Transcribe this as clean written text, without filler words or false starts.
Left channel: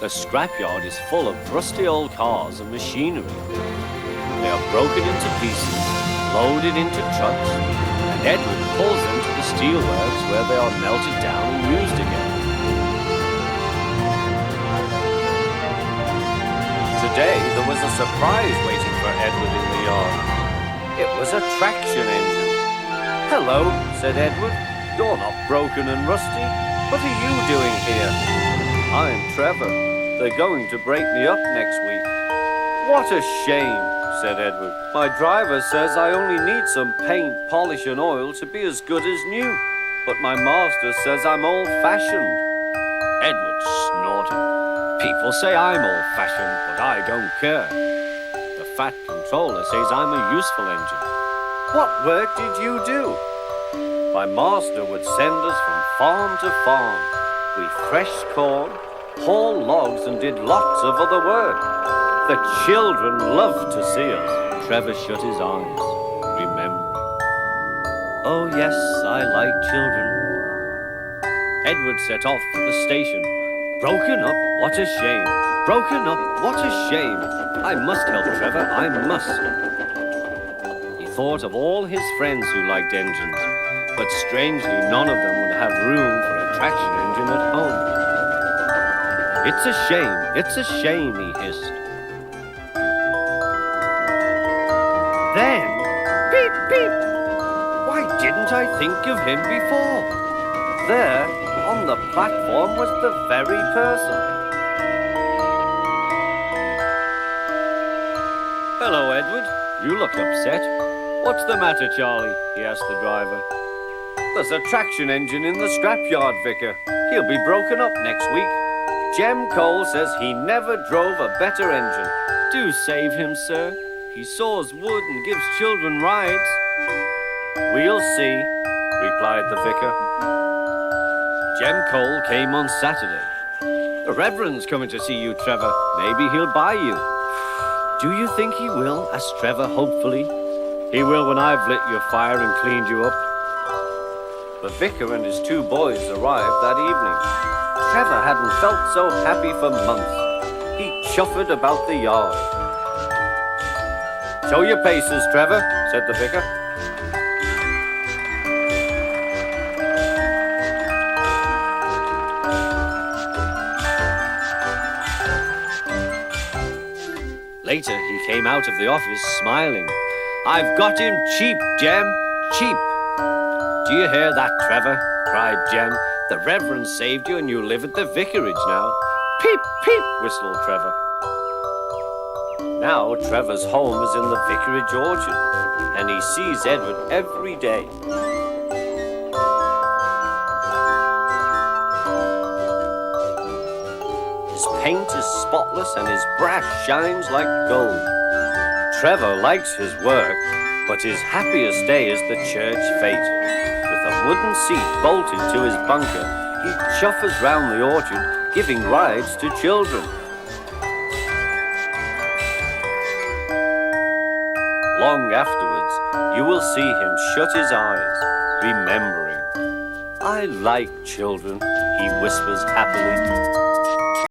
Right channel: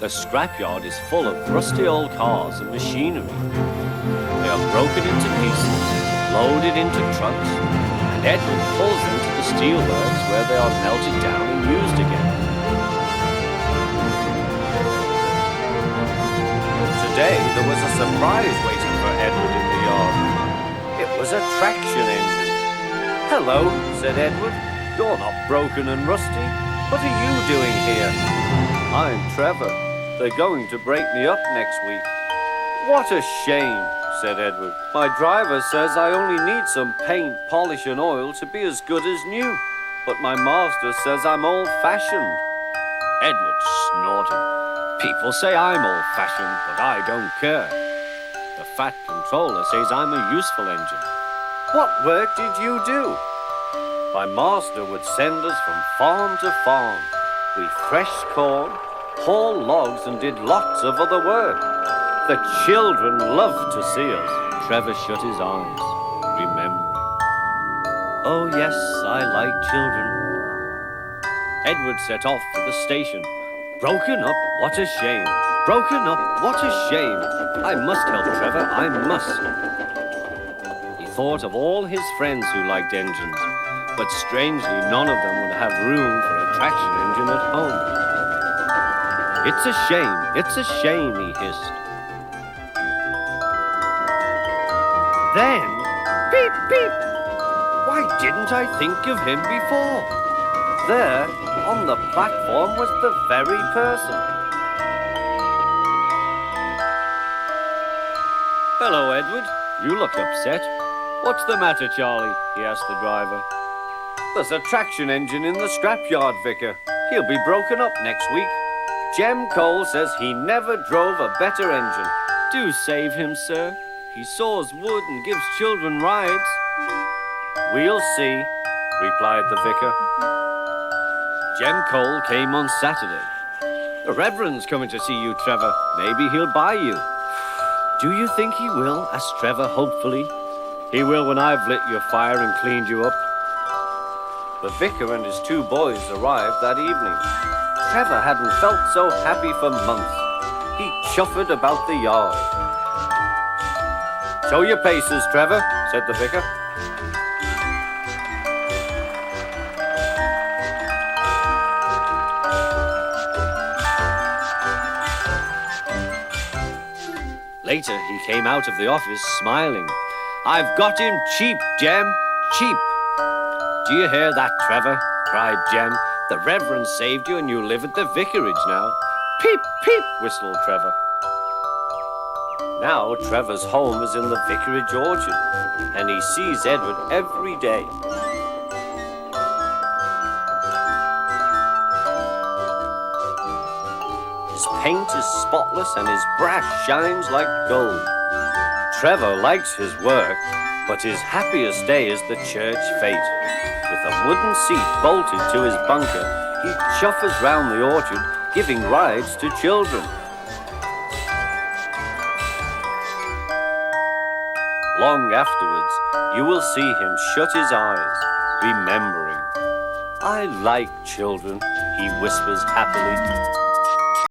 The scrapyard is full of rusty old cars and machinery. They are broken into pieces, loaded into trucks, and Edward pulls them to the steelworks where they are melted down and used again. Today there was a surprise waiting for Edward in the yard. It was a traction engine. "Hello," said Edward. "You're not broken and rusty. What are you doing here?" "I'm Trevor. They're going to break me up next week." "What a shame," said Edward. "My driver says I only need some paint, polish and oil to be as good as new. But my master says I'm old-fashioned." Edward snorted. "People say I'm old-fashioned, but I don't care. The fat controller says I'm a useful engine." "What work did you do?" "My master would send us from farm to farm. We threshed corn, hauled logs and did lots of other work. The children loved to see us." Trevor shut his eyes, remembering. "Oh yes, I like children." Edward set off for the station. "Broken up, what a shame. Broken up, what a shame. I must help Trevor, I must." He thought of all his friends who liked engines, but strangely none of them would have room for a traction engine at home. "It's a shame," he hissed. Then, beep, beep! Why didn't I think of him before? There, on the platform, was the very person. "Hello, Edward. You look upset. What's the matter, Charlie?" he asked the driver. "There's a traction engine in the scrapyard, Vicar. He'll be broken up next week. Jem Cole says he never drove a better engine." "Do save him, sir. He saws wood and gives children rides." "We'll see," replied the vicar. Jem Cole came on Saturday. "The Reverend's coming to see you, Trevor. Maybe he'll buy you." "Do you think he will?" asked Trevor hopefully. "He will when I've lit your fire and cleaned you up." The vicar and his two boys arrived that evening. Trevor hadn't felt so happy for months. He chuffered about the yard. "Show your paces, Trevor," said the vicar. Later, he came out of the office smiling. "I've got him cheap, Jem, cheap." "Do you hear that, Trevor?" cried Jem. "The Reverend saved you and you live at the vicarage now." "Peep, peep," whistled Trevor. Now Trevor's home is in the vicarage orchard, and he sees Edward every day. His paint is spotless and his brass shines like gold. Trevor likes his work, but his happiest day is the church fete. With a wooden seat bolted to his bunker, he chuffers round the orchard, giving rides to children. Long afterwards, you will see him shut his eyes, remembering. "I like children," he whispers happily.